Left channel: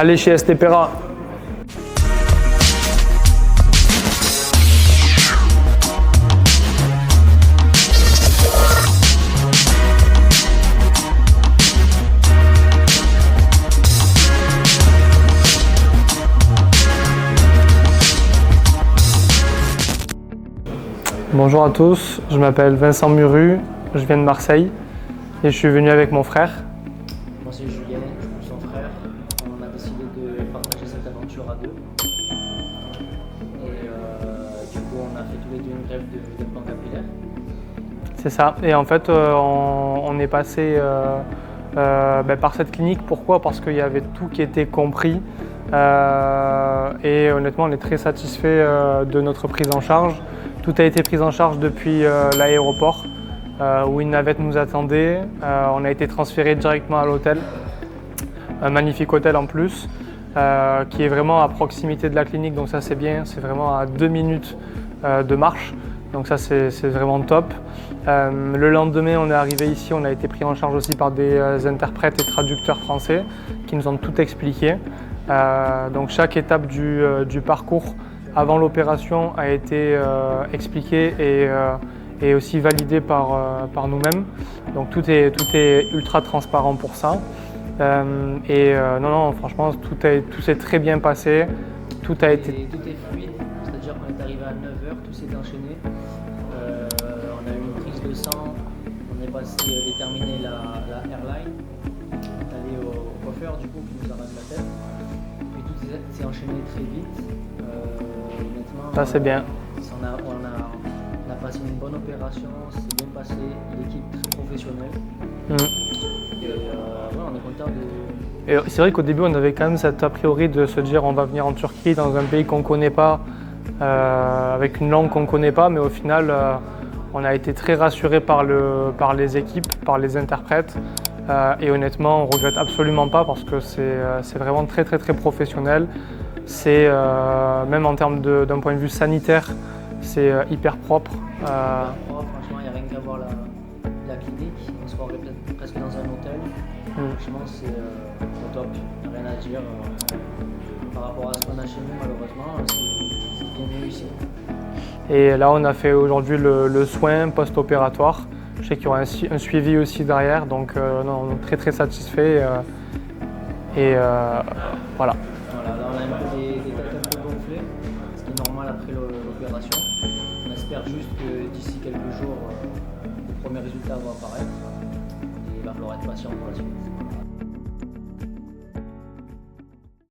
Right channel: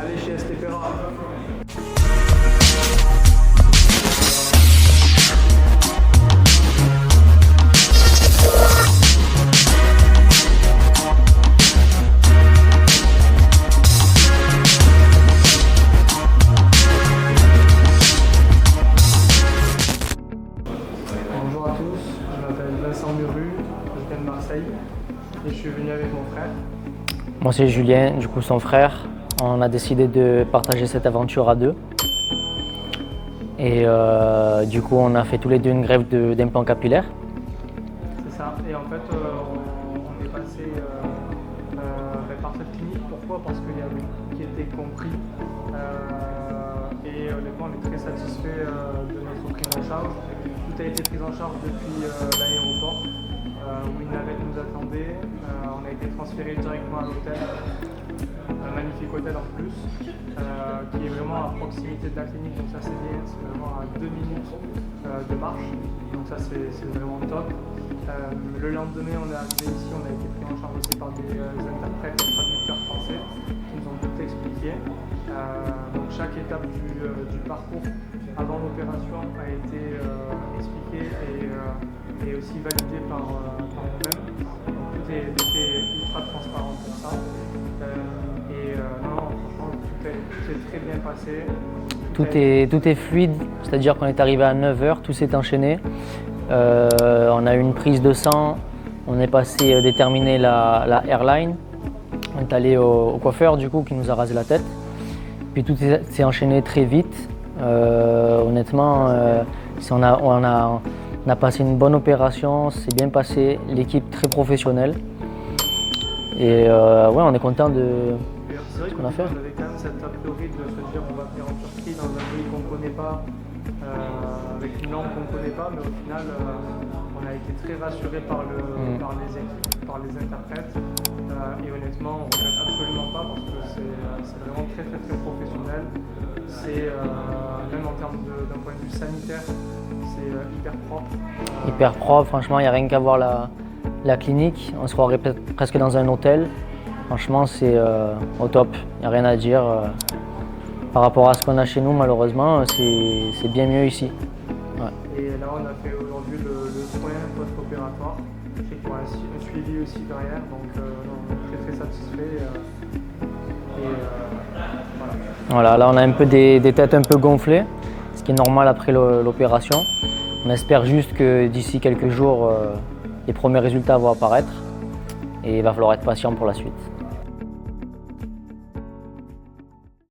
Allez chez Estepera. Bonjour à tous, je m'appelle Vincent Muru, je viens de Marseille et je suis venu avec mon frère. Moi c'est Julien, du coup son frère. On a décidé de partager cette aventure à deux. Et du coup on a fait tous les deux une greffe d'implant capillaire. C'est ça, et en fait on est passé par cette clinique. Pourquoi? Parce qu'il y avait tout qui était compris et honnêtement on est très satisfait de notre prise en charge. Tout a été pris en charge depuis l'aéroport où une navette nous attendait. On a été transféré directement à l'hôtel, un magnifique hôtel en plus, qui est vraiment à proximité de la clinique, donc ça c'est bien, c'est vraiment à 2 minutes de marche, donc ça c'est vraiment top. Le lendemain on est arrivé ici, on a été pris en charge aussi par des interprètes et traducteurs français qui nous ont tout expliqué. Donc chaque étape du parcours avant l'opération a été expliquée et aussi validée par nous-mêmes. Donc tout est ultra transparent pour ça. Non, franchement, tout s'est très bien passé. Tout est fluide, c'est-à-dire qu'on est arrivé à 9 h, tout s'est enchaîné. On a eu une prise de sang, on est passé déterminer la airline. On est allé au coiffeur du coup qui nous a rasé la tête. Puis tout s'est enchaîné très vite. Honnêtement, c'est bien. On a passé une bonne opération, c'est bien passé, l'équipe très professionnelle. Et ouais, on est content de... C'est vrai qu'au début, on avait quand même cet a priori de se dire on va venir en Turquie, dans un pays qu'on ne connaît pas, avec une langue qu'on ne connaît pas, mais au final, on a été très rassurés par les équipes, par les interprètes. Et honnêtement, on ne regrette absolument pas parce que c'est vraiment très professionnel. C'est même en termes d'un point de vue sanitaire, c'est hyper propre. Hyper propre, franchement, il n'y a rien qu'à voir la clinique. On se croirait presque dans un hôtel. Franchement, c'est au top, il n'y a rien à dire. Par rapport à ce qu'on a chez nous, malheureusement, c'est bien mieux ici. Ouais. Et là, on a fait aujourd'hui le soin post-opératoire. Je sais qu'il y aura un suivi aussi derrière, donc non, on est très satisfait. Voilà. Voilà, là on a un peu des têtes un peu gonflées, ce qui est normal après l'opération. On espère juste que d'ici quelques jours, les premiers résultats vont apparaître et il va falloir être patient pour la suite.